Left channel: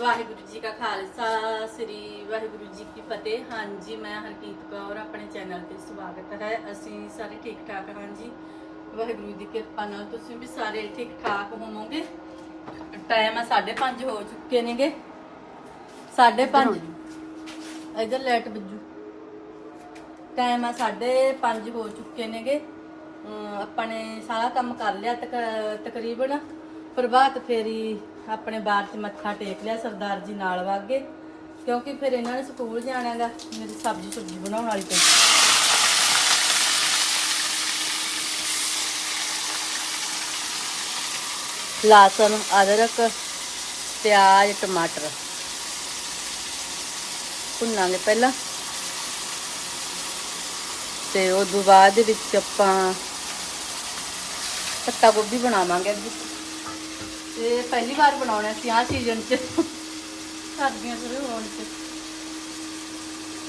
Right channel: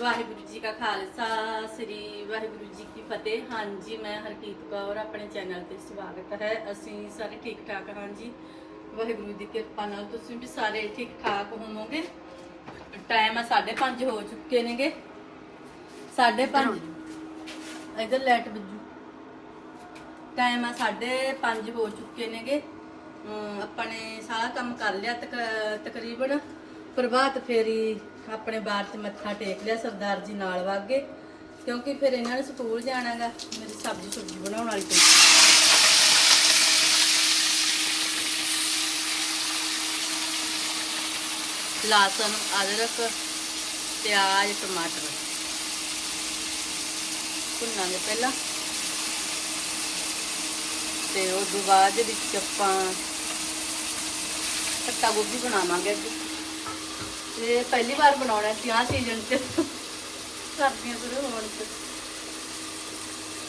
ਵਾਹਿਗੁਰੂ ਜੀ ਕਾ ਖਾਲਸਾ ਸ੍ਰੀ ਵਾਹਿਗੁਰੂ ਜੀ ਕੀ ਫਤਿਹ। ਹਾਂਜੀ ਮੈਂ ਹਰਕੀਤ ਕੌਰ ਆਪਣੇ ਚੈਨਲ ਤੇ ਸਵਾਗਤ ਹੈ। ਅਸੀਂ ਸਾਰੇ ਠੀਕ ਠਾਕ ਹਾਂ ਜੀ। ਵਾਹਿਗੁਰੂ ਦੀ ਕਿਰਪਾ ਨਾਲ ਤੁਸੀਂ ਵੀ ਸਾਰੇ ਠੀਕ ਠਾਕ ਹੋਵੋਗੇ। ਟਾਈਮ ਆ 5:30 ਹੋ ਚੁੱਕੇ ਨੇਗੇ। 5:30 ਇਧਰ ਲਾਈਟ ਬੱਜੂ ਟਾਈਮ ਆ 5:30 ਹੋ ਚੁੱਕੇ ਨੇਗੇ। ਆਪਾਂ ਨੇ ਸਾਰਾ ਕੰਮ ਕਰ ਲਿਆ, ਤਕ- ਤਕਰੀਬਨ ਪ੍ਰਭਾਤ ਫੇਰੀ ਆਪਣੇ ਬਾਰ ਤੇ ਮੱਥਾ ਟੇਕ ਲਿਆ ਸਰਦਾਰ ਜੀ ਨਾਲ ਵਾਗੇ, ਕਿਉਂਕਿ ਫਿਰ ਇਹਨਾਂ ਨੇ ਸਕੂਲ ਜਾਣਾਗਾ, ਮੇਰੀ ਸਬਜ਼ੀ ਸੁਬਜ਼ੀ ਬਣਾਉਣ ਵਾਲੀ ਪਈ ਲਸਣ, ਅਦਰਕ, ਪਿਆਜ਼, ਟਮਾਟਰ। ਭੁੰਨਾਂਗੇ ਪਹਿਲਾਂ। ਤੇ ਉਸ ਤੋਂ ਬਾਅਦ ਵਿੱਚ ਆਪਾਂ ਪੱਤਾ ਗੋਭੀ ਬਣਾਵਾਂਗੇ। ਇਹ ਪਹਿਲੀ ਵਾਰ ਬਣਾਉਣਾ ਸੀ ਆਹ ਸੀਜ਼ਨ 'ਚ। ਸਰਦੀਆਂ ਸ਼ੁਰੂ ਹੋਣ 'ਚ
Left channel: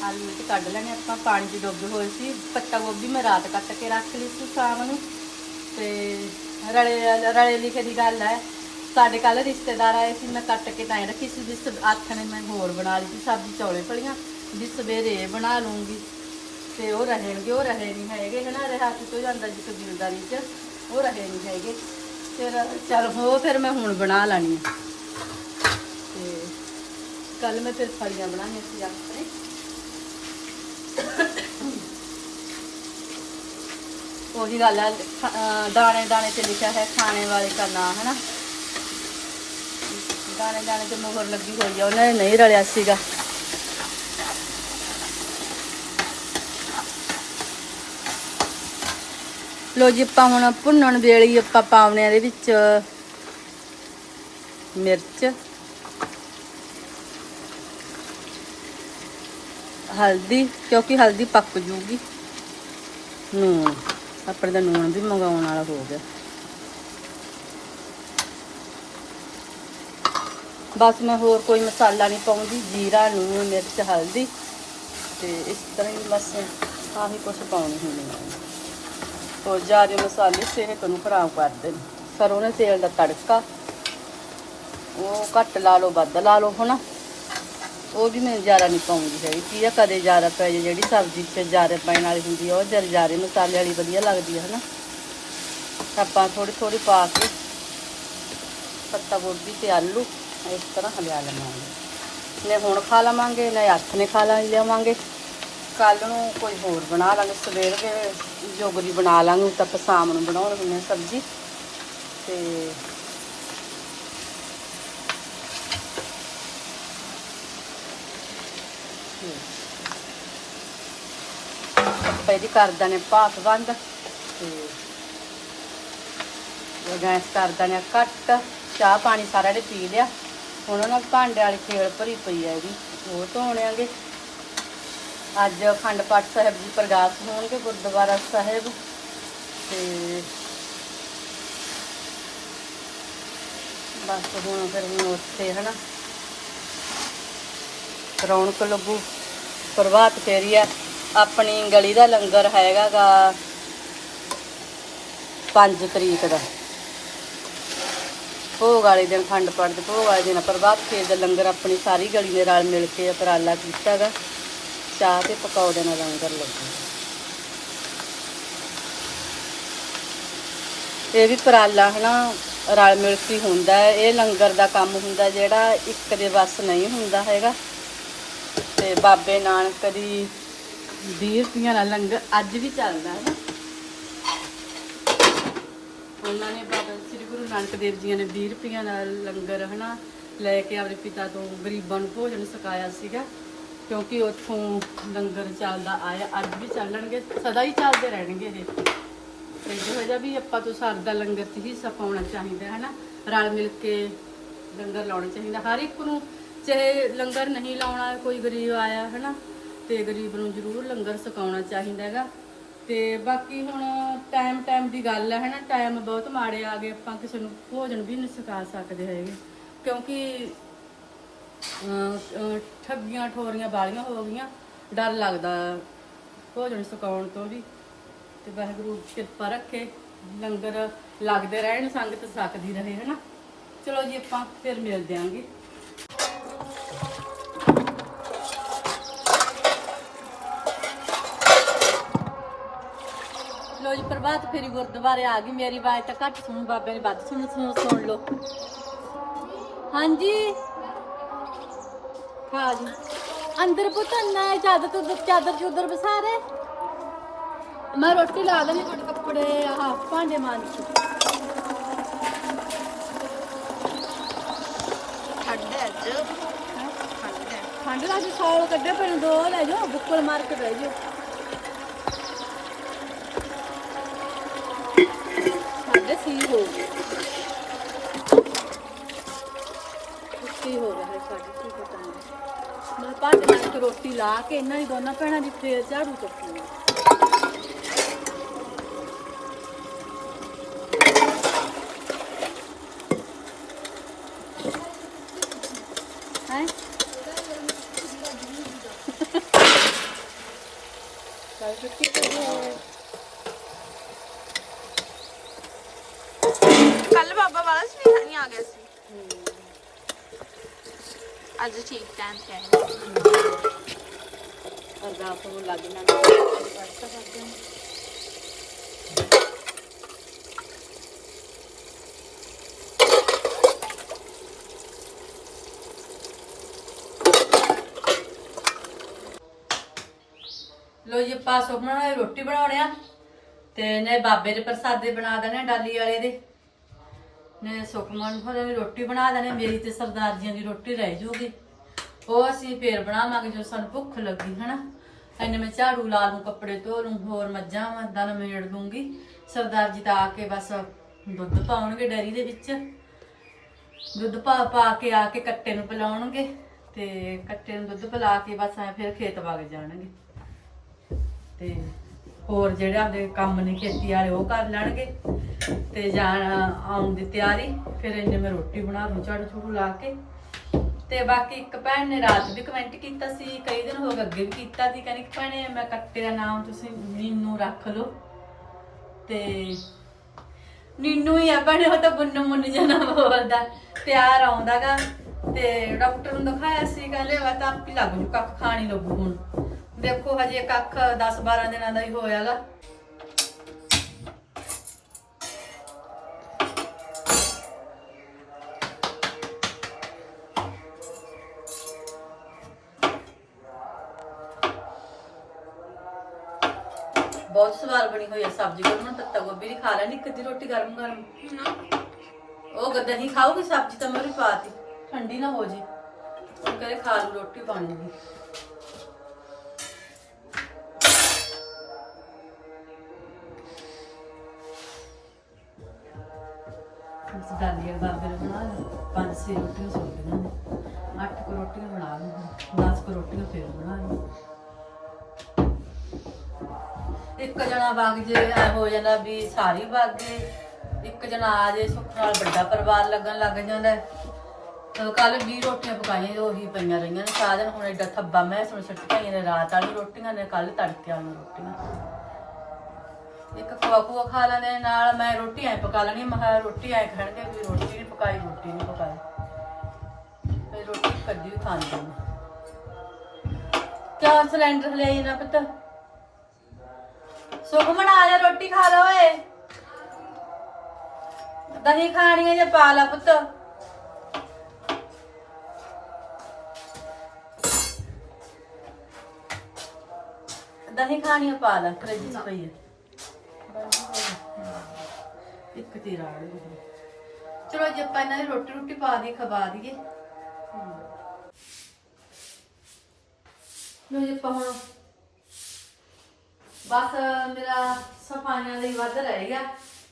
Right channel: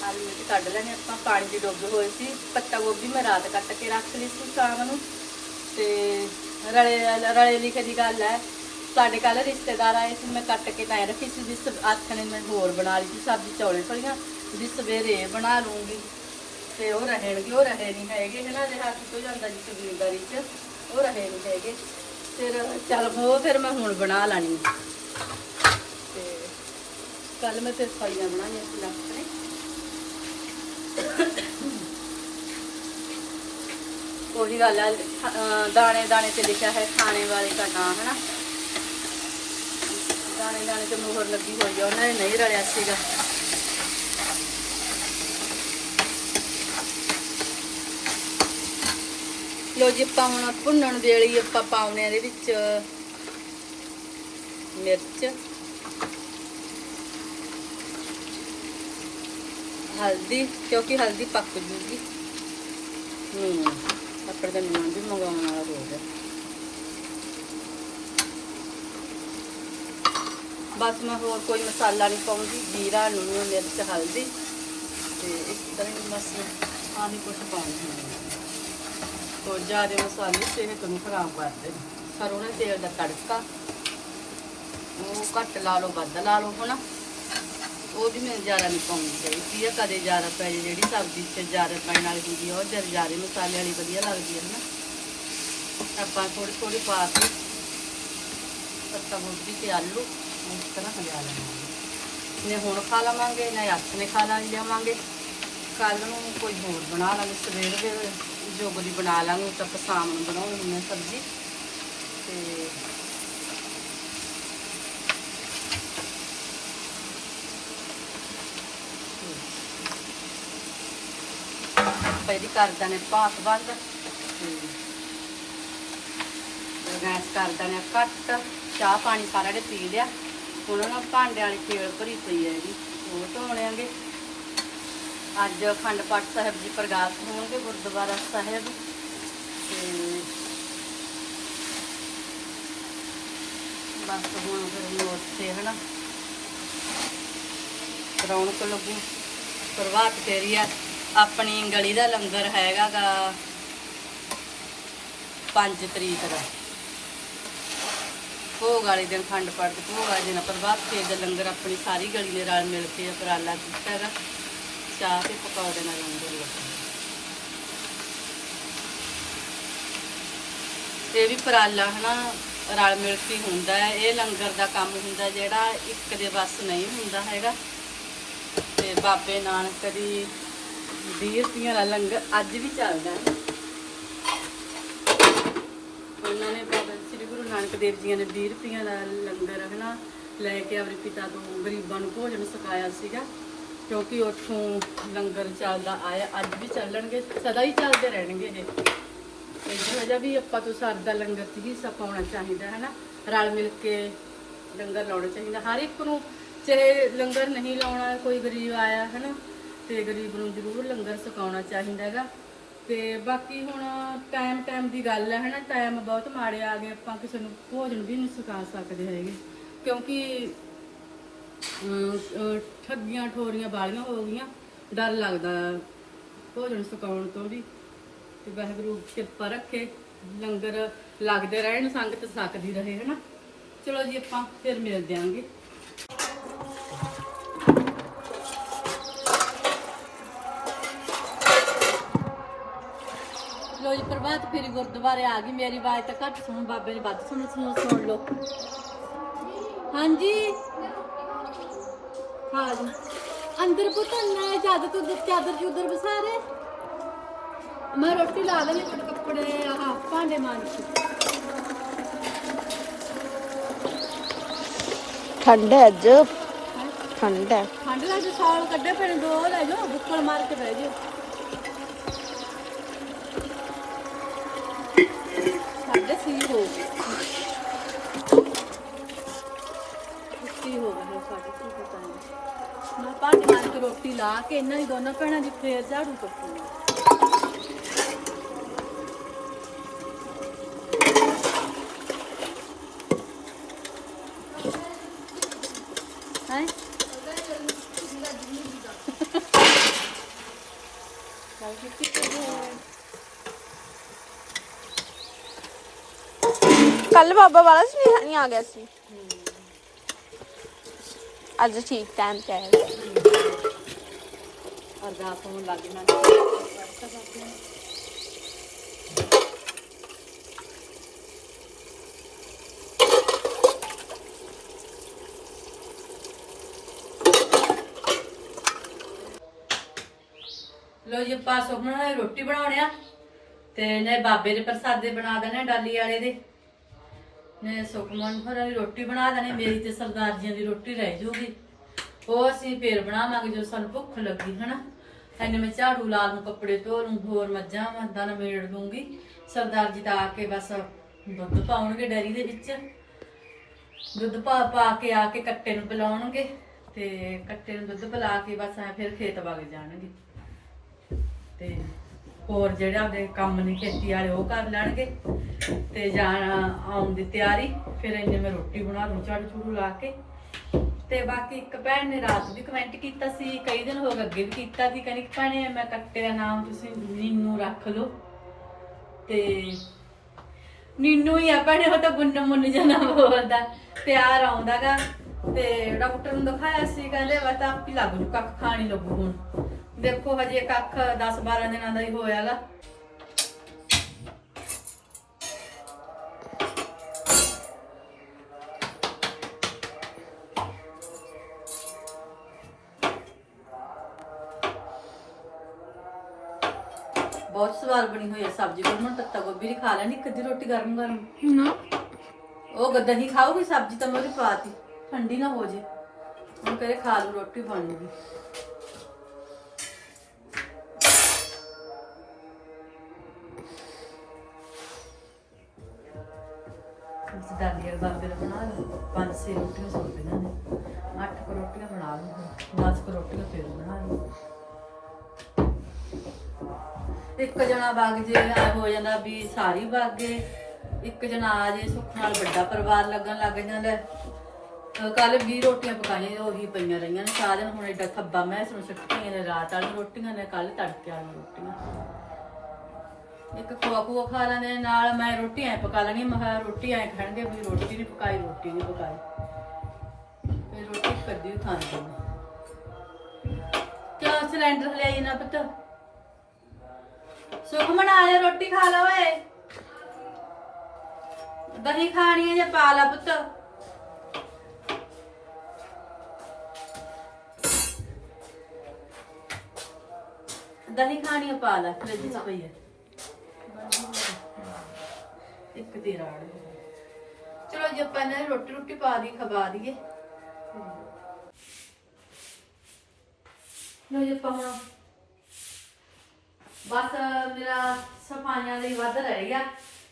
ਆਲੂ ਵਿੱਚ ਕੱਢ ਲੈਣੇ ਆਪਾਂ 'ਚ ਡੁੱਬੇ ਹੋਏ ਸੀ ਪੱਤਾ ਗੋਭੀ ਮੈਂ ਰਾਤ ਕੱਟ ਕੇ ਰੱਖ ਲਈ ਸੀ ਸ਼ਾਮ ਨੂੰ। ਤੇ ਰਲੇ ਰਲੇ ਲਿਖੇ ਦੀ ਗੱਲ ਹੈ ਸਾਡੇ ਕੱਲ ਰਿਸ਼ਤੇਦਾਰ ਆਏ ਸੀ ਮੈਂ ਕੱਟ ਕੇ ਤਾਂ ਰੱਖੀ ਸੀ ਜਿਸ ਨੇ ਮੈਂ ਹੋਰ ਬਣਾ ਲਈ ਸੀ ਸਬਜ਼ੀ ਚੌਲੇ ਫਲੀਆਂ ਜਿਸ ਸਵੇਰੇ ਬਣਾ ਲੂੰਗੀ। ਤੇ ਉਹ ਰਹਿਣਗੇ ਉਹ ਰਹੇ ਨਹੀਂ ਹੈਗੇ ਹਨਾ ਦੇ ਹੱਥ ਤੋਂ ਜਾਂਦਾ ਜੀ ਕਬੀਲਦਾਰੀ 'ਚ ਉਹ ਰਹੇ ਨਹੀਂ ਹੈਗੇ। ਫਿਰ ਚੱਲ ਹੋ, ਫਿਰ ਮੈਂ ਹੁਣ ਬਣਾ ਲੈਣੀ ਤੇ ਕੱਲ ਮੈਂ ਫਿਰ ਫਲੀਆਂ ਬਣਾਉਣੀਆਂ ਸੀ ਰਾਤ ਨੂੰ ਉਹੀ ਗੱਲ ਆ ਦਾਣੇ ਦਾਣੇ ਤੇ ਲਿਖਿਆ ਹੈ ਖਾਣੇ ਵਾਲੇ ਦਾ ਨਾਮ ਹੈ ਨਾ ਦਾਣੇ ਦਾਣੇ ਤੇ ਮੋਹਰ ਲੱਗੀ ਹੋਈ ਆ, ਉਹਨਾਂ ਨੇ ਨਹੀਂ ਰਲਿਆ ਸੀਗਾ। ਲੋ ਜੀ ਆਪਾਂ ਹੁਣ ਭੁੰਨਣ ਵੇਲੇ ਹੀ ਆਪਾਂ ਪਾਉਣੇ ਆ ਇਹਦੇ ਵਿੱਚ ਮਿਰਚ, ਹਲਦੀ, ਕਿਉਂਕਿ ਹਲਦੀ ਪੱਕ ਜੂਗੀ। ਨੂਣ, ਆਪਣੇ ਦਾ ਨੂਣ ਵੀ ਮੰਗਾਉਣ ਵਾਲਾ ਹੋ ਗਿਆ। ਬਸ ਮੈਂ ਹੋਰ ਕੋਈ ਮਸਾਲਾ ਨਹੀਂ ਪਾਉਂਦੀ, ਜੀਰਾ, ਨੂਣ, ਮਿਰਚ, ਹਲਦੀ। ਤੇ ਇਸ ਤਰ੍ਹਾਂ ਹੀ ਬਸ ਆਹੀ ਕੁਝ ਪਾਉਣੀ ਹੁੰਦੇ। ਹੈ ਹੋਰ ਜ਼ਿਆਦਾ ਮਸਾਲੇ ਸਿਹਤ ਨੂੰ ਖਰਾਬ ਕਰਦੇ ਨੇ ਸਰੋਂ ਦੇ ਤੇਲ ਦਾ ਤੜਕਾ, ਉਹ ਘੱਟ ਲਾ ਲਓ, ਵੱਧ ਲਾ ਲਓ ਹਨਾ। ਉਹ ਵੀ ਮੈਂ ਜ਼ਿਆਦਾ ਨਹੀਂ ਪਾਉਂਦੀ ਹੈਗੀ। ਕੀ ਆ, ਕਦੇ ਜ਼ਿਆਦਾ ਪੈ ਜੇ ਜਿਹੜੀ ਸਬਜ਼ੀ 'ਚ ਜ਼ਿਆਦਾ ਪੈਣ ਵਾਲੀ ਹੁੰਦੀ ਆ, ਉਹ ਜਰ ਜ਼ਿਆਦਾ ਮਸਾਲੇ ਵਾਲੀ ਵਧੀਆ ਲੱਗਦੀ ਹੈ ਹਨਾ। ਆਪਾਂ ਥੋੜੀ ਥੋੜੀ ਪਾ ਕੇ ਪੱਤਾ ਗੋਭੀ ਤੇ ਆਲੂ, ਇਸ ਤਰ੍ਹਾਂ ਹਲਿਆ ਲਵਾਂਗੇ। ਨੇ ਹੁਣ ਖਾ ਲਵਾਂਗੇ ਨਾ ਹੱਥ ਨੇ ਖਾ ਲਾਂਗੇ ਕੱਲ ਨੂੰ ਕੋਈ ਹੋਰ ਬਣਾ ਲਾਂਗੇ, ਸਵੇਰ ਦੇ ਜੋਗਲੀ ਬਣਾ ਲਾਂਗੇ ਤਾਂ ਆਪਾਂ ਸ਼ਾਮ ਨੂੰ ਬਣਾਉਣੀ ਹੈ ਸਬਜ਼ੀ। ਤੇ ਪਹਿਲੀ ਕਰਦਾ ਨੇ ਭਾਫ ਬੰਦ ਤੇ ਗੈਸ ਕਰਦਾ ਨੇ ਕੱਟ ਚਾਹ ਪਾਣੀ ਸਾਰਿਆਂ ਨੇ ਪੀ ਲਿਆ। ਹੁਣ ਉਹਨਾਂ ਭਾਂਡੇ ਵਾਲੀ ਖੇਲ ਭਰੀ ਪਈ ਹੈ ਇਹਦੀ। ਉਹ ਧੋਣਿਆਂਗੇ ਅੱਜ ਅਖੰਡ ਪਾਠ ਸਾਹਿਬ ਜੀ ਪ੍ਰਗਾਸ ਹੋਣਗੇ, ਗੁਰਦੁਆਰਾ ਸਾਹਿਬ। ਤੇ ਬਸ ਹੁਣ ਫਿਰ ਵੀ ਉੱਥੇ, ਹਨਾ। ਰੌਣਕ ਲੱਗੂ। ਪ੍ਰਭਾਤ ਫੇਰੀ ਆ। ਆਪਣੀ ਗਲੀ ਦਾ ਲੰਗਰ ਹੈਗਾਗਾ 5 ਤਰੀਕ ਦਾ। ਭੋਗ ਵਾਲੇ ਦਿਨ ਖੰਡ ਪਾਠ, ਭੋਗ ਵਾਲੇ ਦਿਨ ਪ੍ਰਭਾਤ ਫੇਰ ਦਾ ਲੰਗਰ ਆਪਣੀ ਸਾਰੀ ਗਲੀ ਦੇ ਨਾਲ ਮਿਲ ਕੇ ਉਪਰਾਲਾ ਕੀਤਾਗਾ। ਚਾਹ ਤੇ ਪਕੌੜੇ ਨਾਲ ਲੰਗਰ ਲੱਗਾ ਇਹ ਵੀ ਉਪਰਾਲਾ ਹਨਾ, ਰਲ ਮਿਲ ਕੇ ਹੁੰਦਾ ਇਹ ਲੰਗਰ ਦਾ ਕੰਮ ਹੁੰਦਾ ਜਿਹੜਾ ਇੱਕ ਦੇ ਵੱਸ ਨਹੀਂ ਹੁੰਦਾ ਹੈਗਾ। ਤੇ ਬਾਬੇ ਨਾਨਕ ਦੀ 20 ਰੁਪਈਆਂ ਦਾ ਲੰਗਰ ਅੱਜ ਵੀ ਚੱਲਦਾ ਹੈ। ਉਹਨਾਂ ਨੇ ਬਾਬਾ ਸ੍ਰੀ ਗੁਰੂ ਨਾਨਕ ਦੇਵ ਜੀ ਨੇ 20 ਰੁਪਈਆਂ ਦਾ ਲੰਗਰ ਹਨਾ, ਲੈ ਕੇ ਆਪਣੇ ਪਿਤਾ ਤੋਂ ਗਰੀਬਾਂ ਨੂੰ ਭੋਜਨ ਛਕਾਇਆ ਸੀਗਾ। ਕਿਉਂਕਿ ਉੱਥੋਂ ਲੰਗਰ ਚੱਲਦਾ ਆਇਆ, ਅੱਜ ਵੀ ਚੱਲਣਗੇ, ਸਦਾ ਹੀ ਚੱਲਦੇ ਰਹਿਣਗੇ ਇਹ। ਤੇ ਵਜ੍ਹਾ ਵੀ ਆਪਾਂ ਤੋਂ ਸਭ ਲੰਗਰ 'ਚ ਹਿੱਸਾ ਪਾਉਣਾ ਚਾਹੀਦਾ ਹੈ ਨਾ ਰਲ ਮਿਲ ਕੇ ਲੰਗਰ ਲਾਉਣਾ ਚਾਹੀਦਾ। ਹਰ ਇੱਕ ਨੂੰ ਚਾਹੇ ਲੰਗਰ ਨਹੀਂ ਲਾਉਣਾ, ਕੋਈ ਗਰੀਬ ਆਇਆ ਹੈ ਨਾ ਤੇ ਗਰੀਬ ਨੂੰ ਜ਼ਰੂਰ ਲੰਗਰ ਛਕਾਉਣਾ ਚਾਹੀਦਾ ਹੈਗਾ। ਤੇ ਬਾਕੀ ਹੁਣ ਟਾਈਮ ਟਾਈਮ ਦੀ ਗੱਲ ਹੈ ਨਾ ਟਾਈਮ ਬਹੁਤ ਮਾੜੇ ਆ ਗਏ, ਆਪਾਂ ਕਿਸੇ ਨੂੰ ਭੋਜਨ ਵੀ ਨਹੀਂ ਛਕਾ ਸਕਦੇ ਹੈਗੇ। ਕਿਉਂਕਿ ਠੱਗੀਆਂ, ਠੋਰੀਆਂ ਵਾਲੀਆਂ ਹੋ ਗਈਆਂ। ਡਰ ਲੱਗਦਾ। ਭੋਜਨ ਸੁਕਾਉਣ ਤੋਂ ਵੀ। ਤੇ ਵਾਹਿਗੁਰੂ ਕਿਰਪਾ ਰੱਖੇ। ਲੰਗਰ ਲੱਗਦੇ ਰਹਿਣ, ਸੰਗਤ ਸਕਦੀ ਰਹੇ, ਹਨਾ? ਚਲੋ ਜੀ, ਆਪਾਂ ਫਿਰ ਮਿਲ ਦਿਆਂਗੇ ਲੋ ਜੀ, ਪ੍ਰਭਾਤ ਫੇਰੀ ਗੁਰਦੁਆਰੇ ਆ ਗਈ। ਮੇਰੀ ਆਵਾਜ਼ ਤਾਂ ਘੱਟ ਸੁਣ, ਬਾਬੇ ਨੇ ਵੱਧ ਸੁਣੂ ਸੁਣੂ, ਸੁਣ ਲਓ। ਹਾਂਜੀ? ਖਾ ਜੀ ਅੰਦਰ ਪੁੱਤ ਨਾ ਚਾਦਰ ਤੋਂ ਚਾਦਰ ਚੂਦਰ ਬਸਾਰੇ ਮੈਂ ਰੋਟੀ ਲਾ ਲੈਣੀ ਪਰ ਕੱਪੜੇ ਆਹ ਭਾਂਡੇ ਮਾਂਜ ਠੰਡ ਹੈ ਅੱਜ। ਠੰਡ ਹੈ। ਠੰਡ ਦਾ ਜੀ ਸਾਲ ਕੱਢੇ ਪਰ ਦੋ ਲੈ ਜਾਓ ਬੁੱਕਲ ਮਾਰ ਕੇ ਬਹਿ ਜਾਓ। ਸਾਡੇ ਸੀ ਹੋ ਗਏ ਛੁੱਟੀ ਹੋ ਗਿਆ ਹੈ ਸਾਡੀ ਕੀ ਪਤਾ ਨਹੀਂ ਮੈਂ ਭਾਂਡੇ ਮਾਂਜ ਕੇ ਰੋਟੀ ਲਾ ਕੇ ਇਹਨਾਂ ਦੀ ਦੋਨਾਂ ਭੈਣਾਂ ਦੀ ਫੇਰ ਝਾੜੂ ਚੁੱਕੀ ਹੈ ਚੱਲ ਕਿੱਥੇ ਚੱਲੇ ਕੱਲ ਬਾਬਾ ਵਾਲਾ ਸੁਨੇਹਾ ਨਹੀਂ ਆ ਗਿਆ ਸੀ। ਅੱਜ ਠੀਕ ਟਾਈਮ ਤੇ ਆਇਆ ਅਰਦਾਸ ਨੂੰ ਲੱਗ ਨਾ ਲੋ ਜੀ, ਆਪਾਂ ਸੁਖਮਨ ਰੋਟੀ ਬਣਾਉਣੇ ਆ ਤੇ ਨੇ ਬਾਬੇ ਦੇ ਪ੍ਰਸਾਦੇ ਬਣਾ ਦੇਣੇ ਡਾਲੀ ਵਾਲੇ ਦੇ। ਨੇ ਸੁਖਮਨ ਹੋਰਾਂ ਦੀ ਰੋਟੀ ਬਣਾ ਦੇਣੀ, ਮੇਰੀ ਤੇ ਸਰਦਾਰ ਜੀਆਂ ਦੀ ਰੋਟੀ ਰਹਿ ਜੂਗੀ। ਉਹ ਅਸੀਂ ਫੇਰ ਬਣਾਵਾਂਗੇ ਜਦੋਂ ਸਾਨੂੰ ਭੁੱਖ ਲੱਗੀ, ਹਨਾ? ਐਨੇ ਮੈਂ ਝਾੜੂ ਲਾ ਲੂੰ, ਕੱਪੜੇ ਧੋ ਲੂੰ, ਹੋਰ ਮੱਝਾਂ ਮੱਦਾਂ ਨਾਲ ਮੇੜ ਦੂੰਗੀ ਸਰਦਾਰ ਜੀ ਤਾਂ ਆ ਕੇ ਬਸ ਦੁੱਧ ਪਾਉਣਗੇ ਡੈਰੀ ਦੇ ਵਿੱਚ। ਦੁੱਧ ਪਾ ਪਾ ਕੇ ਆ ਕੇ ਕੱਟੇ ਨੂੰ ਪਿਲਾਉਣਗੇ ਤੇ ਕੱਟੇ ਨੂੰ ਦੁੱਧ ਪਿਲਾ ਕੇ ਬਸ ਐ ਫਿਰ ਖੇਤ ਵਗ ਜਾਣਗੇ। ਤੇ ਹੋਰ ਜਿਹੜੇ ਆਪਦੇ ਕੰਮ ਨੇ ਖੇਤੀ ਵਾਲੇ, ਉਹ ਕਰ ਲੈਣਗੇ। ਤੇ ਜਾਣਾ ਆਉਣ ਦੀ ਤਿਆਰੀ, ਫਿਰ ਇੰਨੇ ਮੈਂ ਰੋਟੀ ਬਣਾ ਦੂੰ, ਝਾੜੂ ਝੂੜੂ ਲਾ ਕੇ। ਤੇ ਬਾਕੀ ਇੱਕ ਭੈਣ ਨੇ ਰਾਤ ਵੀ ਕਮੈਂਟ ਕੀਤਾ ਸੀ, ਕਈ ਦਿਨ ਹੋ ਗਏ ਅੱਗੇ ਵੀ ਕੀਤਾ ਸੀ, ਕਹਿੰਦੀ, ਭੈਣੇ, ਮੈਂ ਕੱਟੇ ਦਾ ਨਾਮ ਤੁਸੀਂ ਨੀਨੂ ਰੱਖ ਲਓ। ਤੇ ਨੀਨੂ ਹੀ ਆ ਭੈਣੇ, ਉਹ ਤਾਂ ਬੁੰਨ ਮੁੰਨ ਜਨਾ ਬੋਲਦਾ ਪਿਆਰ ਆਉਂਦਾਗਾ ਤੇ ਡਾਕਟਰ ਨੂੰ ਦਿਖਾਇਆ ਸੀ, ਕਹਿੰਦੇ ਵਾ ਤਾਂ ਆਪੀ ਲੱਗ ਜੂ ਕੱਖ ਖਾਣੀ ਲੱਗੂ ਹੁਣ। ਦੇਖੋ ਹਜੇ ਕੱਖ 10 12 ਦਿਨਾਂ ਦਾ ਹੀ ਹੋਇਆਗਾ। ਬਹੁਤ ਸਵਾਦ ਬਣੀ ਹੋਈ ਹੈ ਸਬਜ਼ੀ ਕੋਲ ਹੁਣ ਤੱਤਾ ਗੋਭੀ ਦੀ ਖਾ ਲੈਣੀ, ਇੱਕ ਅੱਧੀ ਰੋਟੀ ਗਰਮ ਗਰਮ। ਉਹ ਗੱਦਾ ਹੀ ਖਾਓਗੀ ਸਬਜ਼ੀ ਤਾਂ ਮੇਰੇ ਪਾਤੀ ਠੰਡੀ ਨਾ ਹੋ ਜੇ। ਉਹ ਕਹਿੰਦੇ ਖਾ ਲੂ ਰੋਟੀ ਬਣ ਗਈ ਦਾਲੀ ਬਾਬੇ ਨੇ ਬਣਾ ਲਈ ਪੰਜ ਛੇ ਰੋਟੀਆਂ ਸੋਚੀਆਂ ਨੇ। ਅੱਠ ਕੁ ਰੋਟੀਆਂ ਬਣਾ ਲਈਆਂ 10 ਕੁ ਰੋਟੀਆਂ ਫਿਰ ਬਣਾ ਲਈਆਂ ਇੱਕ ਜਣਾ ਵਗ ਜੇ, ਐ ਹੋ ਜਾਂਦਾ ਵੀ ਸਾਰੀ ਵਗ ਗਏ ਇੱਕ ਜਣਾ ਆ ਜੇ, ਸੁੱਖ ਨਾਲ ਵੱਡਾ ਪਰਿਵਾਰ ਲੱਗਣ ਲੱਗ ਜਾਂਦਾ। ਕੱਲ 20 ਰੋਟੀਆਂ ਪਕਾਈਆਂ, ਉਹੀ ਪਈਆਂ ਰਹੀਆਂ ਨੇ। ਸਾਰਾ ਦਿਨ ਹੁਣ ਐਡਾ ਥੱਬਾ ਮੈਂ ਸੁਣ ਛੱਟ ਪਾਈਆਂ ਨੇ, ਰਾਤ ਵਾਲੀ ਰੋਟੀਆਂ ਨੇ, ਕੱਲ ਤੜਕੇ ਵਾਲੀਆਂ ਰੋਟੀਆਂ। ਇੱਕ ਖਵਾ ਖੂਆ ਖਾ ਲੈਣੇ ਨਾਲ ਮੈਂ ਰੋਟੀ ਐ ਪਕਾ ਲੈਣੀ ਮੈਂ ਕਿਹਾ ਰੋਟੀ ਐ ਖਾਣਗੇ ਵੀ ਰੋਟੀ ਨਹੀਂ ਪਕਾਈ, ਰੋਟੀ ਨਹੀਂ ਪਕਾਈ। ਫਿਰ ਰੋਟੀ ਕਦੀ ਵੀ ਖਾਂਦੇ ਨੇ ਕਿਆ ਸਿਲੰਡਰ ਲਿਆਈ ਨਾ ਪੁੱਤ? ਸੁਖਮਨ ਆ ਜਾ ਰੋਟੀ ਖਾ ਲੈ ਓਏ। ਦਹੀਂ ਖਾਣੀ ਹੈ ਜਾਂ ਪਾ ਲੈ ਪੁੱਤ? ਦਹੀਂ ਖਾਣੀ ਹੈ ਪਾ ਲੈ ਫਰਿੱਜ 'ਚ ਪਈ ਹੈ ਇੱਕ ਤੇਰਾ ਆ ਗਿਆ। ਚਲੋ ਜੇ, ਆਪਾਂ ਇਹਨਾਂ ਦੀ ਰੋਟੀ ਰੋਟੀ ਪਾ ਦੀ ਖਵਾ ਦਈਏ। ਲੋ ਜੀ, ਆਪਾਂ ਹੁਣ ਬਸ ਮੇਰਾ ਸਫਾਈਆਂ ਲਈ ਵੱਧ ਰਹਿ ਗਿਆ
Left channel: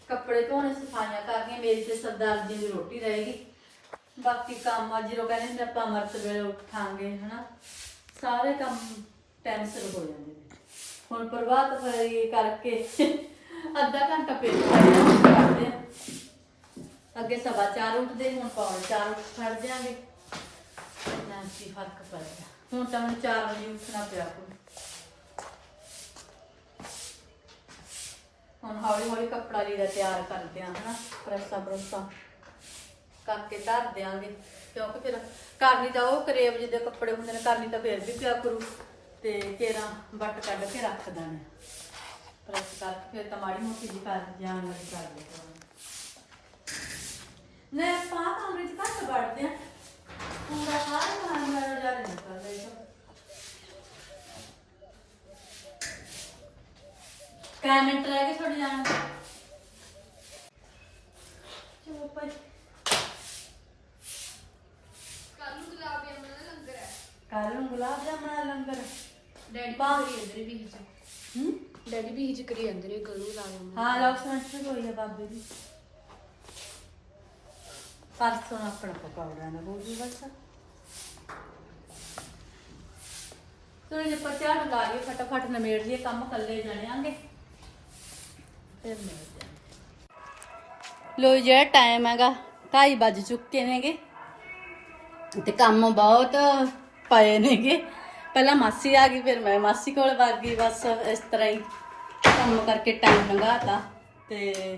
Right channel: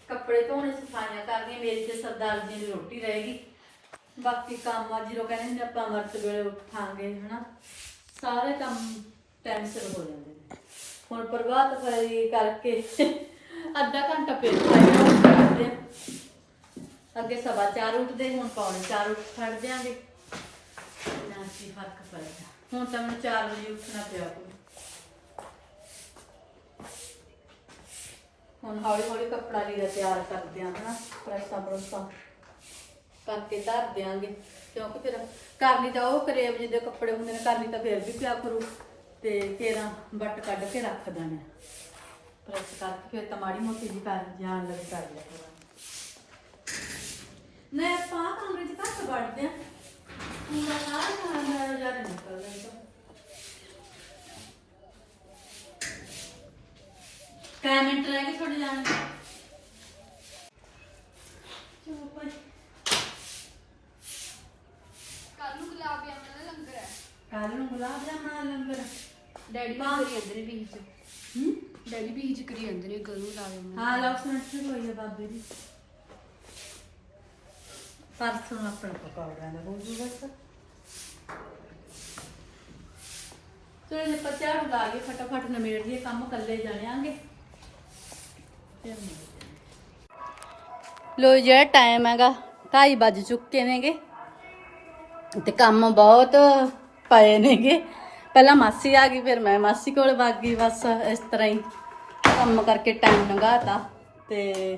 ਕੱਪੜੇ ਧੋਣੇ, ਸਫਾਈਆਂ ਕਰਨੀਆਂ, ਮੇਰੀ ਤੇ ਸਰਦਾਰ ਜੀ ਦੀ ਰੋਟੀ ਰਹੇਗੀ। ਬਾਕੀ ਕੰਮ ਆ, ਜਦੋਂ ਕਹਿੰਦੇ ਨੇ ਆਪਾਂ ਅਮਰਤ ਵੇਲੇ ਉਠਾਂਗੇ, ਹਨਾ। ਸਾਰੇ ਕੰਮ ਟਾਈਮ ਸਿਰ ਹੋ ਜਾਂਦੇ ਨੇ। ਹੁਣ ਪ੍ਰਭਾਤ ਫੇਰੀ ਕਰਕੇ ਅੱਧਾ ਘੰਟਾ ਪੇਟ ਕਰਦੇ ਅੱਗੇ ਸਵਾ ਚਾਰ ਉੱਠਦੇ, ਹੁਣ ਪੌਣੇ ਚਾਰ ਉੱਠ ਖੜ ਜਾਾਂਗੇ। ਨਾ ਕੀ ਫ਼ਰਕ ਪਏਗਾ ਹੁਣ ਤਾਂ ਮੈਨੂੰ ਚਾਰ ਵਜੇ ਉੱਠਣਾ ਪਿਆ ਕੋਈ। ਹੁਣ ਹੌਲੀ ਹੌਲੀ ਕੱਪੜਾ ਲੀੜਾ ਤਿਆਰ ਕਰਦੇ ਆਂ ਹਨਾ, ਪ੍ਰੈਸਾਂ ਪ੍ਰੈਸਾਂ ਕਰਕੇ ਧਰ ਦਿਆਂਗੇ। ਕਿਉਂਕਿ ਫਿਰ ਕਰਨੀ ਤਾਂ ਉਹ ਕਰੇਬ ਜਿਹਦੇ ਕੱਪੜੇ ਹੁੰਦੇ ਨੇ ਕਰਨੀ ਤਾਂ ਫਿਰ ਵੀ ਪਿਆ ਕਰੂ। ਤੇ ਕੇਰਾਂ ਵੱਟ ਕੱਢ ਕੇ ਰੱਖ ਦਾਂਗੇ। ਪ੍ਰੈਸ ਕਰਕੇ ਫਿਰ ਤਾਂ ਮਾੜੀ ਮੋਟੀ ਜੀ ਕਰ ਜਾਣ ਲੱਗੇ ਕਰ ਲਿਆ ਕਰਾਂਗੇ ਨੇ ਪਾ ਕਮਰੇ ਚ ਘੱਟ ਵੜਦੇ ਆ। ਪੂਰਾ ਸਾਰੇ ਖਾਣ ਵਾਲਾ ਜਾ ਕੇ ਨਿਕਲ ਜਾਏਗਾ ਕੈ ਮਿੰਟ ਰਹਿ ਗਏ ਤੁਹਾਡੇ ਜਾਣ ਦੇ ਕੱਲ ਨੂੰ ਗੁਲਾਬ ਜਾਮਣ ਦਾ ਲੰਗਰ ਹੈ। ਕੱਲ ਨੂੰ ਗੁਲਾਬ ਜਾਮਣਾ ਲੰਗਰ ਡੈਡੀ ਬਾਹਰ। ਕਰੀ ਅੰਦਰ ਵੀ ਚ। ਹੂੰ ਡੈਡੀ ਵੀ ਹਿਜ ਕਰੀ ਅੰਦਰ ਇਹ ਗਲੂ ਲਾ ਜਾਮਣ ਹਾਂ ਲਕਸ਼ਮਣ ਜੀ ਹੋਈ ਹੈ ਬਾਬੇ ਦੀ। ਪਰਸੋਂ ਆਪਣਾ ਪਕੌੜਿਆਂ ਦਾ ਬੋਲੂ ਬਸ। ਚਲੋ ਜੇ ਪਚਾੜ ਲਾ ਕੇ ਫਟਾਫਟ ਨਮੇੜ ਜੀ ਕੰਮ ਕੱਲੇ ਜਾਣਾਂਗੇ ਫਿਰ ਮਿਲਦੇ ਹਾਂ। ਲੋ ਜਿਹੜਾ ਟਾਈਮ ਹੈਗਾ 2:30 ਵੱਜ ਚੁੱਕੇ ਨੇਗੇ। ਤੇ ਕੰਮ ਬਹੁਤ ਪਏ ਨੇਗੇ। ਪਹਿਲਾਂ ਮਾਸੀ ਆ ਗਈ ਫਿਰ ਮੈਂ ਮਾਸੀ ਕੋਲ ਵਗ ਗਈ ਬਸ ਇਸ ਤਰ੍ਹਾਂ ਹੀ। ਕੰਮ ਕਰਕੇ ਟਾਈਮ ਲੰਘਾਤਾ ਤੇ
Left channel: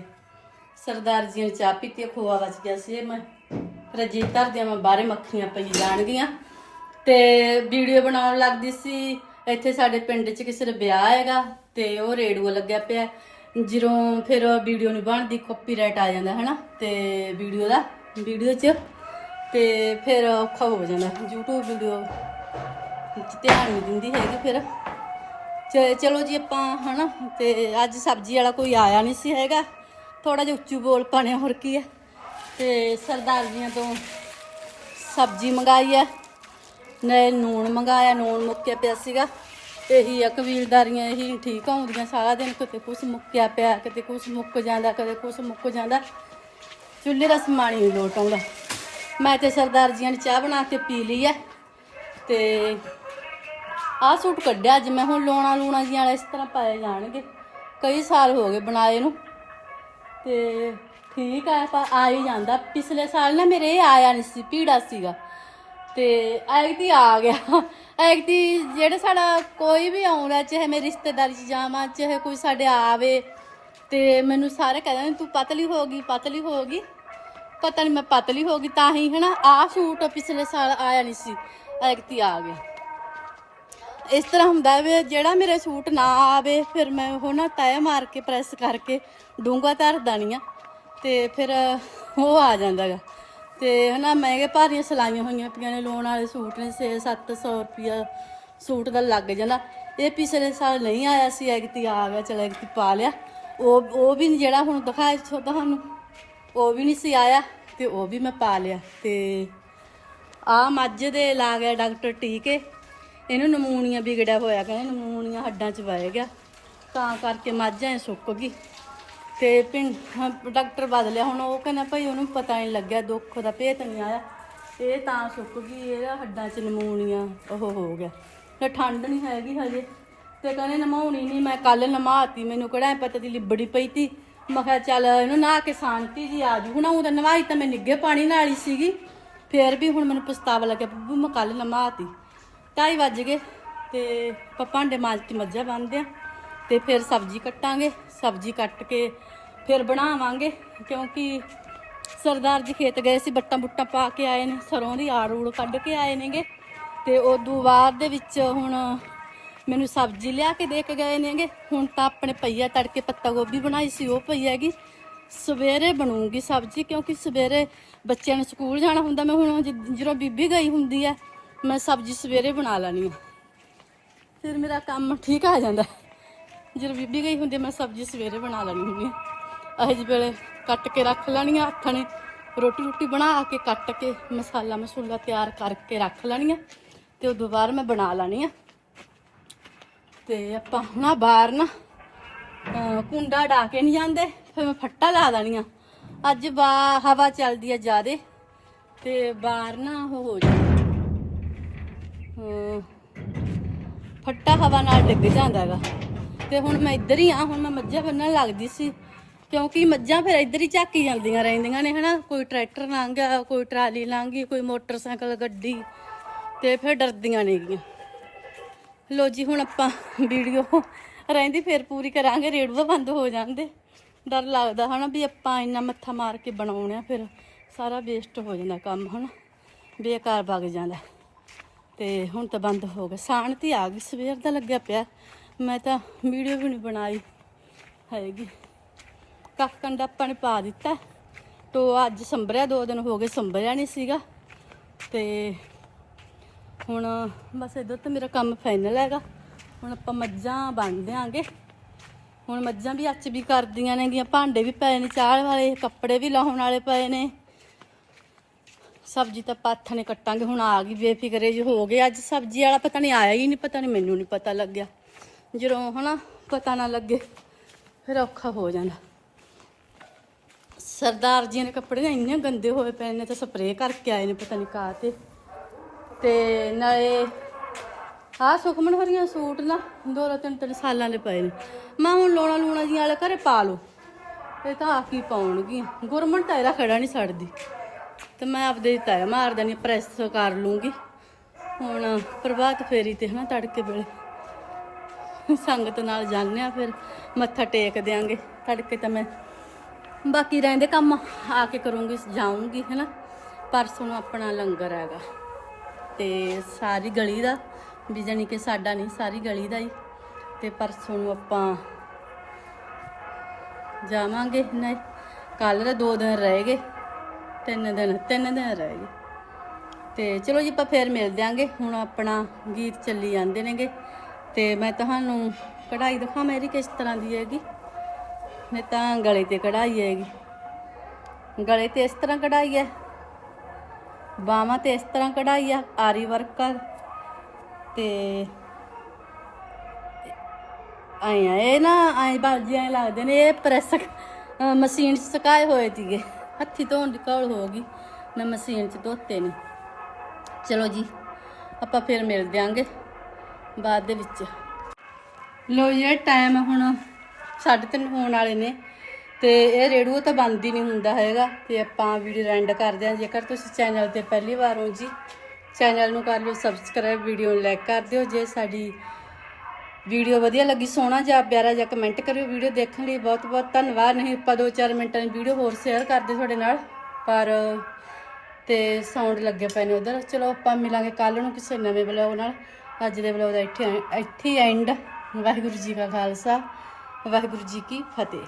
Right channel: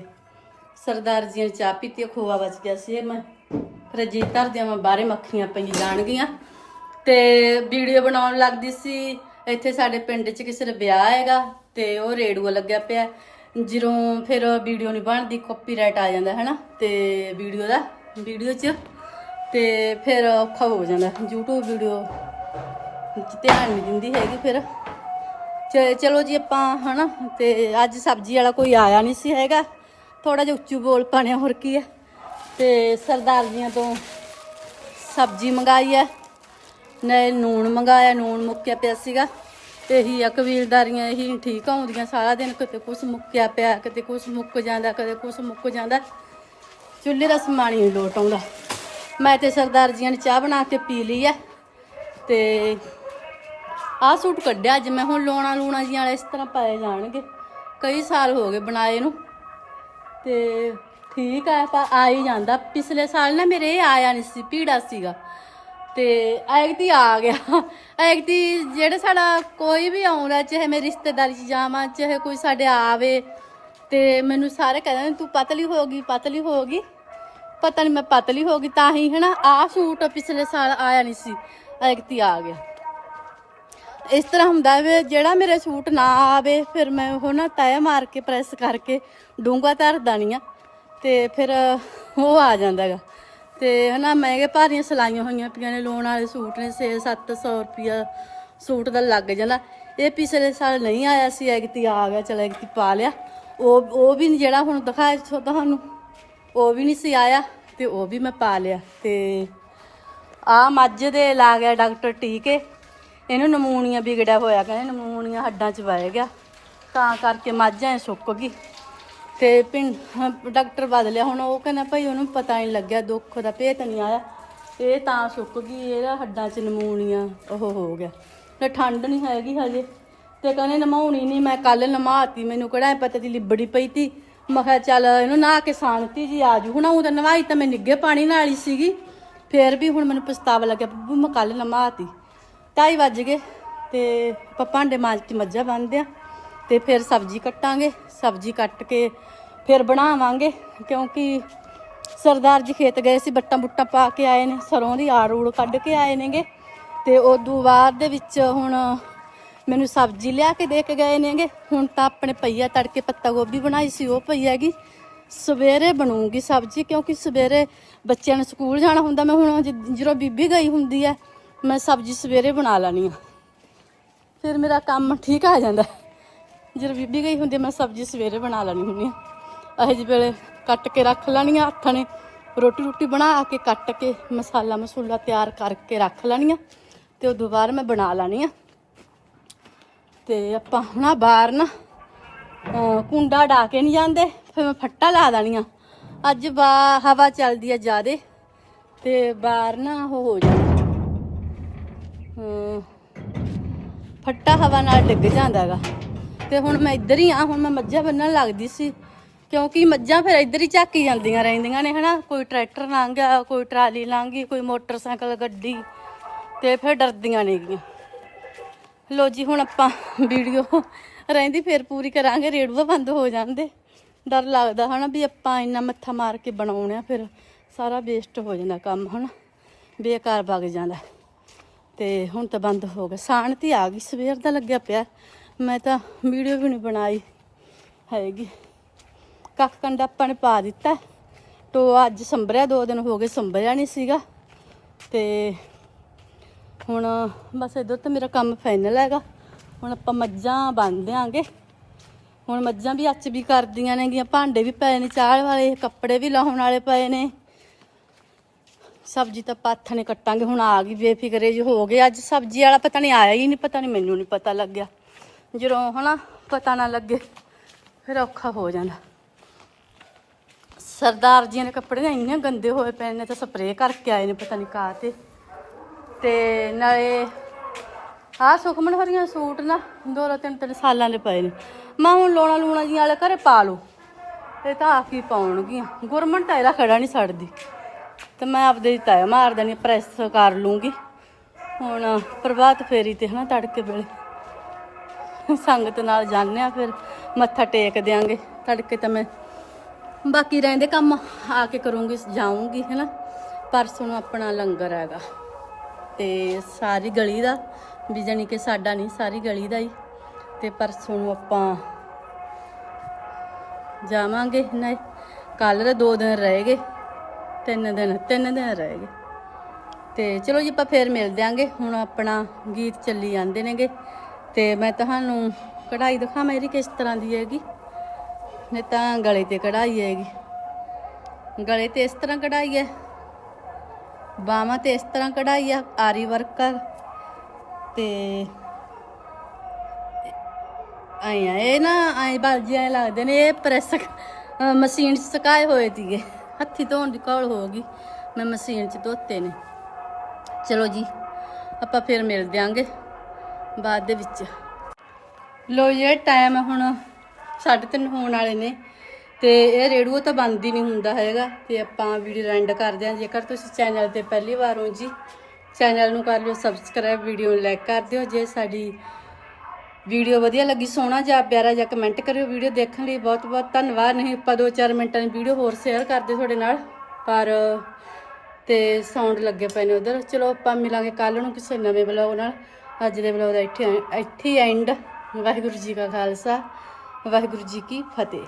ਸਰਦਾਰ ਜੀ ਨੇ ਚਾਹ ਪੀਤੀ ਖੋਆ ਬਚ ਗਿਆ ਸੀ। ਮੈਂ ਫਿਰ ਜੀ ਧਰਦਿਆਂ ਮੈਂ ਬਾਹਰੇ ਮੱਖੀਆਂ ਪਈ ਜਾਣਗੀਆਂ। ਤੇ ਵੀਡੀਓ ਬਣਾਉਣ ਲੱਗਦੀ ਸੀ, ਇੱਥੇ ਸਾਡੇ ਪਿੰਡ 'ਚ ਕਿਸੇ ਦਾ ਵਿਆਹ ਹੈਗਾ ਤੇ ਉਹ ਰੇਡੀਓ ਲੱਗਿਆ ਪਿਆ। ਜਦੋਂ ਫਿਰ ਵੀਡੀਓ ਨਹੀਂ ਬਣਦੀ ਕਾਪੀਰਾਈਟ ਆ ਜਾਂਦਾ, ਹੈਨਾ? ਤੇ ਵੀਡੀਓ ਦਾ, ਵੀਡੀਓ 'ਚ। ਤੇ ਫਿਰ ਔਖਾ ਹੋ ਜਾਂਦਾ। YouTube ਵੀਡੀਓ ਵਿੱਚ ਧਿਆਨ ਨਹੀਂ ਦਿੰਦੀ ਹੈਗੀ ਫਿਰ। ਚਲੋ ਜੀ ਆਪਾਂ ਹਨਾ, ਤੇ ਅੱਜ ਸਬਜ਼ੀ ਵਾਲਾ ਕੋਈ ਆਇਆ ਨਹੀਂ ਸੀ ਹੈਗਾ। ਥੋੜਾ ਜਿਹਾ ਉੱਚੂ ਬੋਲ ਪਾਣੇ ਹੋਰ ਕੀ ਹੈ ਤੇ ਸਰਦਾਰ ਜੀਆਂ ਤੋਂ ਸਬਜ਼ੀ ਮੰਗਾਈ ਹੈ ਨੇ ਨੂਣ ਮੰਗਾਇਆ, ਨੂਣ ਮੁੱਕਿਆ ਪਿਆ ਸੀਗਾ। ਇਹੀ ਆ, ਕਬੀਲਦਾਰੀਆਂ ਇਹੀ ਠੀਕ ਆਉਂਦੀਆਂ ਸਾਰਾ ਦਿਨ, ਕਿਤੇ ਕੁਛ ਮੁੱਕਿਆ ਪਿਆ, ਕਿਤੇ ਕੁਛ ਮੁੱਕ ਜਾਂਦਾ ਕਦੇ ਕੁਛ ਮੁੱਕ ਜਾਂਦਾ। ਚੁੱਲ੍ਹੇ ਦਾ ਸਮਾਨ ਹੀ ਨੀ ਲੋਟ ਆਉਂਦਾ। ਮੈਂ ਤੇ ਸਰਦਾਰ ਜੀਆਂ ਨੇ ਚਾਹ ਬਣਾ ਕੇ ਪੀ ਲਈ ਹੈ ਤੇ ਆਹ ਸੂਟ ਕੱਢਿਆ ਅੱਜ, ਮੈਂ ਹੁਣ ਲੋਣਾ ਲੂਣਾ ਜੀਆਂ ਵਾਲੇ ਇਸ ਤਰ੍ਹਾਂ ਪਾਏ ਜਾਣਗੇ। ਕਈ ਸਾਲ ਹੋ ਗਏ ਬਣਾਏ ਨੂੰ। ਤੇ ਠੀਕ ਆ, ਪਰ ਆ ਹੀ ਜਾਂਦਾ। ਪਿਛਲੇ ਸਾਲ ਨਾ ਮੇਰੇ ਇਹ ਆਇਆ ਨਹੀਂ ਸੀ ਪੀੜਾ ਸੀਗਾ। ਤੇ ਐਗਤੀ ਆ ਗਿਆ। ਐਗਤੀ ਜਿਹੜਾ ਸਾਡਾ ਕੋਈ ਵੀ ਆਉਂਦਾ, ਚਾਹੇ ਮੇਰੀ ਰਿਸ਼ਤੇਦਾਰੀ ਚ ਜਾਵਾਂ, ਚਾਹੇ ਕੋਈ ਸਾਡੇ ਆਵੇ, ਤੇ ਮੈਨੂੰ ਸਾਰੇ ਕਹਿੰਦੇ ਨੇ, ਤੂੰ ਪਤਲੀ ਹੋ ਗਈ, ਪਤਲੀ ਹੋ ਗਈ। ਪਤਾ ਨਹੀਂ ਮੈਂ ਪਤਲੀ ਹੋ ਗਈ ਤਾਂ ਹੀ, ਹਨਾ। ਆਹ ਸੂਟ ਪਿਛਲੇ ਸਾਲ ਆਇਆ ਨਹੀਂ ਸੀ। ਐਗਤੀ ਆ ਗਿਆ। ਇਸ ਤਰ੍ਹਾਂ ਹੁੰਦਾ ਵੀ ਜਿਹੜਾ ਮੇਰੇ ਸੂਟ ਨਾ ਆਵੇ, ਫਿਰ ਮੈਂ ਉਹ ਨਾ ਤੈ ਮਾਰ ਕੇ ਪ੍ਰੈਸ ਕਰਕੇ ਡੂੰਗਾ ਧਰ ਦਾਨੀਆਂ ਤੇ ਫਿਰ ਉਹ ਆ ਜਾਂਦਾ ਗਾ। ਤੇ ਹਨਾ ਮਹਿੰਗੇ ਭਾਰੀਆਂ ਸਲਾਈਆਂ ਹੋਈਆਂ ਪਈਆਂ ਨੇ, ਲੋਨ ਵਾਲੇ ਸੂਟ ਨੇ 6-700 ਰੁਪਿਆ ਸੂਟ ਦਾ ਲੱਗ ਜਾਂਦਾ। ਇਹ ਪਿਛਲੇ ਸਾਲ ਨਹੀਂ ਆਇਆ ਸੀ ਐਗਤੀ ਆ ਗਿਆ, ਚਲ ਐਗਤੀ ਪਾ ਲਿਆ। ਉਹ ਉਹ ਵੀ ਨੀ ਜਿਹੜਾ ਹੁਣ ਦਿਖਾਇਆ ਸੋ ਤੁਹਾਨੂੰ, ਉਹ ਵੀ ਨਹੀਂ ਸੀ ਆਇਆ ਤੇ ਉਹ ਵੀ ਮੈਂ ਪਾ ਲਿਆ। ਤੇ ਆ ਮੱਝ ਦੇ ਲਾ ਗਿਆ ਡਾਕਟਰ ਟੀਕੇ। ਇਹਨੂੰ ਨਮੂਨੀਆ ਵਿਗੜਿਆ ਹੋਇਆ ਕਹਿੰਦੇ ਨਮੂਨੀਆ ਹੱਡਾਂ 'ਚ ਵਹਿ ਗਿਆ। ਤਾਂ ਕਰਕੇ ਮੱਝ ਐ ਸੁੱਕ ਗਈ। ਤੇ ਪਿੰਡ ਡਾਕਟਰ ਬਦਲਿਆ, ਹੁਣ ਉਹ ਕਹਿੰਦਾ ਭਾਈ ਉਹਨੂੰ ਪਤਾ ਨਹੀਂ ਲੱਗਿਆ, ਦੁੱਖ ਦਾ ਭੇਤ ਨਹੀਂ ਆਇਆ। ਇਹ ਤਾਂ ਸੁੱਕ ਗਈ, ਇਹਦਾ ਹੱਡਾਂ 'ਚ ਨਮੂਨੀਆ ਉਹ ਹੋ ਗਿਆ। ਤੇ ਠੰਡ ਨਹੀਂ ਹੈਗੀ ਹਜੇ। ਤੇ ਕਹਿੰਦੇ ਨਮਾਉਣੀ ਨਹੀਂ, ਮੈਂ ਕੱਲ ਨਮਾਤੀ, ਮੈਨੂੰ ਕਿਹੜਾ ਐਂ ਪਤਾ ਸੀ ਲਿਬੜੀ ਪਈ ਤੀ। ਮੈਂ ਕਿਹਾ ਚੱਲ ਇਹਨੂੰ ਨਹਾ ਕੇ ਸ਼ਾਂਤੀ ਜੀ ਆ ਜੂ ਹੁਣ ਉਹ ਤਾਂ ਨਵਾਈ ਤਾਂ ਮੈਂ ਨਿੱਗੇ ਪਾਣੀ ਨਾਲ ਹੀ ਸੀਗੀ। ਫੇਰ ਵੀ ਹੁਣ ਮੈਨੂੰ ਪਛਤਾਵਾ ਲੱਗਿਆ, ਬੱਬੂ ਮੈਂ ਕੱਲ ਨਮਾਤੀ। ਢਾਈ ਵੱਜ ਗਏ ਤੇ ਆਪਾਂ ਭਾਂਡੇ ਮਾਂਜ ਕੇ ਮੱਝਾਂ ਬੰਨਦੇ ਆ ਤੇ ਫਿਰ ਸਬਜ਼ੀ ਕੱਟਾਂਗੇ, ਸਬਜ਼ੀ ਕੱਟ ਕੇ ਫਿਰ ਬਣਾਵਾਂਗੇ ਕਿਉਂਕਿ ਸਰਦਾਰ ਜੀ ਖੇਤ ਗਏ ਸੀ, ਬੱਟਾਂ ਬੁੱਟਾਂ ਪਾ ਕੇ ਆਏ ਨੇ, ਸਰੋਂ ਦੀ ਆੜ ਊੜ ਕੱਢ ਕੇ ਆਏ ਨੇਗੇ ਤੇ ਉਦੋਂ ਬਾਅਦ ਦੇ ਵਿੱਚ ਹੁਣ ਮੈਨੂੰ ਸਬਜ਼ੀ ਲਿਆ ਕੇ ਦੇ ਕੇ ਗਏ ਨੇਗੇ। ਹੁਣ ਤਾਂ ਆਪਣੇ ਪਈਆ ਤੜਕੇ ਪੱਤਾ ਗੋਭੀ ਬਣਾਈ ਸੀ, ਉਹ ਪਈ ਹੈਗੀ। ਸਵੇਰੇ ਬਣੂਗੀ ਸਬਜ਼ੀ ਕਿਉਂਕਿ ਸਵੇਰੇ ਬੱਚਿਆਂ ਨੂੰ ਸਕੂਲ ਜਾਣਾ ਹੁੰਦਾ, ਮੈਂ ਹੁਣ ਜਦੋਂ ਬੀਬੀ ਗਈ ਹੁੰਦੀ ਹੈ ਮੈਂ ਸਬਜ਼ੀ ਸਵੇਰੇ ਬਣਾ ਲੈਣੀ ਆ। ਫਿਰ ਮੇਰਾ ਕੰਮ ਠੀਕ ਆ ਜਾਂਦਾ। ਜਦੋਂ ਬੀਬੀ ਗਈ ਹੁੰਦੀ ਮੈਂ ਸਬਜ਼ੀ ਸਵੇਰੇ ਬਣਾ ਲੈਣੀ ਹੁੰਦੀ ਆ। ਇਹ ਜਿਹੇ ਵੇਲੇ ਕੱਟ ਕੇ ਰੱਖ ਲੈਣੀ ਆ ਹੱਥਾਂ ਨੇ। ਰੋਟੀ ਰੋਟੀ ਬਣਾ ਕੇ ਕੱਟ ਕੇ ਮਸਾਲਾ ਮਸੂਲਾ ਤਿਆਰ ਕਰਕੇ ਰੱਖ ਲੈਣੀ ਆ ਤੇ ਉਦੋਂ ਬਾਅਦ ਮੈਂ ਬਣਾ ਲੈਣੀ ਆ। ਤੇ ਆਪਾਂ ਹੁਣ ਬਾਹਰ ਨਾ ਕੁੰਡਾ ਢਾ ਕੇ ਨਹੀਂ ਜਾਂਦੇ, ਫਿਰ ਮੈਂ ਫੱਟਾ ਲਾ ਦੇਣੀਆਂ ਅੱਜ ਬਾ, ਹਵਾ ਚੱਲਦੀ ਆ ਜ਼ਿਆਦੇ ਤੇ ਬਾਹਰ ਨਾ ਉਹ ਹੋ ਜਾਂਦਾ ਫੱਟਾ ਹਵਾ ਨਾਲ ਡਿੱਗ ਜਾਂਦਾ ਹੈਗਾ। ਤੇ ਹੁਣ ਮੈਂ ਇੱਧਰ ਹੀ ਆ, ਹੁਣ ਮੈਂ ਮੱਝਾਂ ਬੰਨਣ ਲੱਗਦੀ ਸੀ। ਕਿਉਂਕਿ ਮੱਝਾਂ ਫਿਰ ਇੱਧਰ ਹੀ ਝਾਕੀ ਜਾਂਦੀਆਂ ਰਹਿੰਦੀਆਂ ਨੇ, ਹਨਾ? ਕੋਈ ਟਰੈਕਟਰ ਲੰਘ ਗਿਆ, ਕੋਈ ਟਰਾਲੀ ਲੰਘ ਕੋਈ ਮੋਟਰਸਾਈਕਲ, ਗੱਡੀ। ਤੇ ਫਿਰ ਡਰਦੀਆਂ ਨੇਗੀਆਂ ਲੋ ਜੀ, ਹੁਣ ਆਪਾਂ ਵੀਡੀਓ ਰਹਿੰਦੀ, ਫਿਰ ਪੂਰੀ ਕਰਾਂਗੇ। ਰੇੜੂਆ ਬੰਦ ਹੋ ਜਾਂਦੇ। ਡਰ ਲੱਗਦਾ, ਹਨਾ, ਵੀ ਆਪਾਂ ਇੰਨਾ ਮੱਥਾ ਮਾਰ ਕੇ ਬਣਾਉਣੇ ਆ, ਫਿਰ ਸਾਰਾ ਵੇਸਟ ਹੋ ਜਾਂਦਾ ਕੰਮ, ਹਨਾ? ਬੇਕਾਰ ਵਗ ਜਾਂਦਾ। ਤੇ ਹੁਣ ਤਾਂ ਬੰਦ ਹੋ ਗਿਆ ਸ਼ਾਂਤੀ ਆ ਗਈ, ਸਵੇਰ ਦਾ ਲੱਗਿਆ ਪਿਆ। ਮੈਂ ਤਾਂ ਵੀਡੀਓ ਵੀ ਨਹੀਂ ਬਣਾਈ ਹੈਗੀ। ਕੱਖ ਕੰਡਾ ਆਪਾਂ ਨੇ ਪਾ ਦਿੱਤਾ। ਟੋ ਅੱਜ ਸੰਭਰਿਆ, ਦੋ ਦਿਨ ਹੋ ਗਏ ਸੰਭਰਿਆ ਨਹੀਂ ਸੀਗਾ। ਤੇ ਹੁਣ ਬਸ ਇਧਰ ਤਾਂ ਮੇਰਾ ਕੰਮ ਫਾਈਨਲ ਹੈਗਾ। ਹੁਣ ਆਪਾਂ ਮੱਝਾਂ ਬੰਨ ਦਿਆਂਗੇ। ਹੁਣ ਮੱਝਾਂ ਵੀ ਅੱਜ ਵੀ ਕਰਦੀਆਂ ਨੇਗੀਆਂ। ਭਾਂਡੇ ਵੀ ਪਏ ਨੇ ਚਾਹ ਵਾਲੇ ਕੱਪੜੇ ਵੀ ਲਾਉਣ ਵਾਲੇ ਪਏ ਨੇ। ਸਬਜ਼ੀ ਤਾਂ ਪਾਥ ਨੇ ਕੱਟਾਂਗੇ, ਹੁਣ ਆ ਗਈ, ਬੇਫਿਕਰੇ ਜੀ ਹੋ ਗਏ। ਅੱਜ ਸਬਜ਼ੀ ਵਾਲਾ ਪਤਾ ਨਹੀਂ ਆਇਆ ਹੀ ਨਹੀਂ, ਪਤਾ ਨਹੀਂ ਮੈਨੂੰ ਨਹੀਂ ਪਤਾ ਲੱਗਿਆ। ਜਦੋਂ ਹਨਾ ਪਤਾ ਨਾ ਲੱਗੇ, ਫਿਰ ਔਖਾ ਹੋ ਜਾਂਦਾ। ਸਰਦਾਰ ਜੀ ਨੇ ਕੱਪੜੇ ਨਾ ਇੰਨੇ ਗੰਦੇ ਹੋਏ ਪਏ ਨੇ, ਤਾਂ ਸਪਰੇਅ ਕਰਕੇ ਆਏ ਨੇ, ਪਤਾ ਨਹੀਂ ਕਾ ਤੇ। ਤੇ ਨਾਲੇ ਆਹ ਸੁਖਮਨ ਹਰੀਆਂ ਸੂਟ ਨਾ, ਦੋ ਦੋ ਤਿੰਨ ਤਿੰਨ ਸਾਲਾਂ ਦੇ ਪਏ ਨੇ। ਮੈਂ ਹੁਣ ਲੋਣਾ ਲੂਣਾ ਜੀ ਵਾਲੇ ਘਰੇ ਪਾ ਲਓ, ਇਹ ਤਾਂ ਆਪ ਹੀ ਪਾਉਣਗੀਆਂ। ਗੁਰਮਨ ਤਾਂ ਇਹਦਾ ਖੜਾ ਨਹੀਂ ਛੱਡਦੀ। ਤੇ ਮੈਂ ਆਪਦੇ ਹੀ ਤਾਇਆ ਮਾਰ ਦੇਣੀ, ਪ੍ਰੈਸ ਕਰ ਲੂੰਗੀ। ਹੁਣ ਪ੍ਰਭਾਤ ਫੇਰੀ ਤੇ ਹਨਾ ਤੜਕੇ ਵੇਲੇ। ਸੰਗਤ ਨਾਲ ਜਾਂਦੇ ਆ ਫਿਰ, ਮੱਥਾ ਟੇਕ ਦਿਆਂਗੇ। ਤੜਕੇ ਤਾਂ ਮੈਂ ਬਾਕੀ ਰਹਿੰਦੇ ਕੰਮ ਆ ਕੇ ਕਰੂੰਗੀ, ਜਾਊਂਗੀ ਹੈਨਾ। ਪਰਸੋਂ ਨੂੰ ਆਪਣਾ ਲੰਗਰ ਹੈਗਾ। ਤੇ ਸਾਰੀ ਗਲੀ ਦਾ, ਵੀ ਜਾਣੀ ਕਿ ਸਾਡਾ ਨਹੀਂ, ਸਾਰੀ ਗਲੀ ਦਾ ਹੀ। ਤੇ ਪਰਸੋਂ ਨੂੰ ਆਪਾਂ ਜਾਵਾਂਗੇ ਨਾ ਕੱਲ ਦੇ ਦੋ ਦਿਨ ਰਹਿ ਗਏ। ਤਿੰਨ ਦਿਨ ਤਿੰਨ ਦਿਨ ਰਹਿ ਗਏ। ਤੇ ਚਲੋ ਜੀ, ਆਪਾਂ ਫੇਰ ਮਿਲ ਦਿਆਂਗੇ। ਹੁਣ ਆਪਣਾ ਗੀਤ ਚੱਲੀ ਜਾਂਦੇ ਨੇਗੇ। ਤੇ ਮੈਂ ਤੁਹਾਨੂੰ ਕਢਾਈ ਦਿਖਾਵਾਂ, ਇਹਦੀ ਕਿਸ ਤਰ੍ਹਾਂ ਦੀ ਹੈਗੀ। ਨਹੀਂ ਤਾਂ ਗਲੇ ਤੇ ਕਢਾਈ ਹੈਗੀ। ਗਲੇ ਤੇ ਇਸ ਤਰ੍ਹਾਂ ਕਢਾਈ ਹੈ। ਬਾਹਾਂ ਤੇ ਇਸ ਤਰ੍ਹਾਂ ਕਢਾਈ ਆ ਆਰੀ ਵਰਕ ਆ ਤੇ ਆਏ ਇਹ ਨਾ ਆਏ ਜੀ ਐਂ ਲੱਗਦੇ ਨੇ, ਇਹ ਪ੍ਰੈਸ ਮਸ਼ੀਨ 'ਚ ਸੁਕਾਏ ਹੋਏ ਸੀਗੇ। ਹੱਥੀ ਧੋਣ ਦੀ ਕੌਲ ਹੋ ਗਈ। ਮੈਂ ਮਸ਼ੀਨ 'ਚ ਧੋਤੇ ਨੇ। ਚਲੋ ਜੀ, ਆਪਾਂ ਫਿਰ ਮਿਲ ਦਿਆਂਗੇ ਬਾਅਦ ਦੇ ਵਿੱਚ। ਲੋ ਇਹ ਟਾਈਮ ਹੁਣ 3:30 ਹੋਣ ਵਾਲੇ ਨੇ ਤੇ ਇਹ ਰੇਡੀਓ ਤਾਂ ਬੰਦ ਹੀ ਨਹੀਂ ਹੁੰਦਾ ਹੈਗਾ ਤੇ ਆਪਾਂ ਵੀਡੀਓ ਐਂਡ ਕਰਦੇ ਹਾਂ। ਜੇਕਰ ਤੁਸੀਂ ਚੈਨਲ ਤੇ ਪਹਿਲੀ ਵਾਰ ਹੋ ਜੀ ਚੈਨਲ ਨੂੰ ਕਰ ਲਿਓ ਸਬਸਕ੍ਰਾਈਬ ਵੀਡੀਓ ਨੂੰ ਲਾਈਕ ਕਰ ਦਿਓ। ਜੇ ਸਾਡੀ ਵੀਡੀਓ ਵਧੀਆ ਲੱਗੀ, ਸੋਹਣਾ ਜਾਂ ਪਿਆਰਾ ਜਾਂ ਕਮੈਂਟ ਕਰਿਓ ਵੀਡੀਓ ਦੇਖਣ ਲਈ। ਬਹੁਤ ਬਹੁਤ ਧੰਨਵਾਦ। ਨਹੀਂ, ਆਪਾਂ 2-4 ਮਿੰਟਾਂ ਦੀ ਵੀਡੀਓ ਹੋਰ ਸ਼ੇਅਰ ਕਰਦੇ ਤੁਹਾਡੇ ਨਾਲ। ਪਰ, ਤੇ ਸਾਊਂਡ ਲੱਗੇ ਪਏ ਨੇ ਉਧਰ। ਚਲੋ, ਆਪਾਂ ਮਿਲਾਂਗੇ ਕੱਲ ਨੂੰ ਕਿਸੇ ਨਵੇਂ ਵਲੌਗ ਨਾਲ। ਅੱਜ ਦੇ ਵਲੌਗ ਦਾ ਇੱਥੇ ਇੱਥੇ ਐਂਡ ਵਾਹਿਗੁਰੂ ਜੀ ਕਾ ਖਾਲਸਾ, ਵਾਹਿਗੁਰੂ ਜੀ ਕੀ ਫਤਿਹ।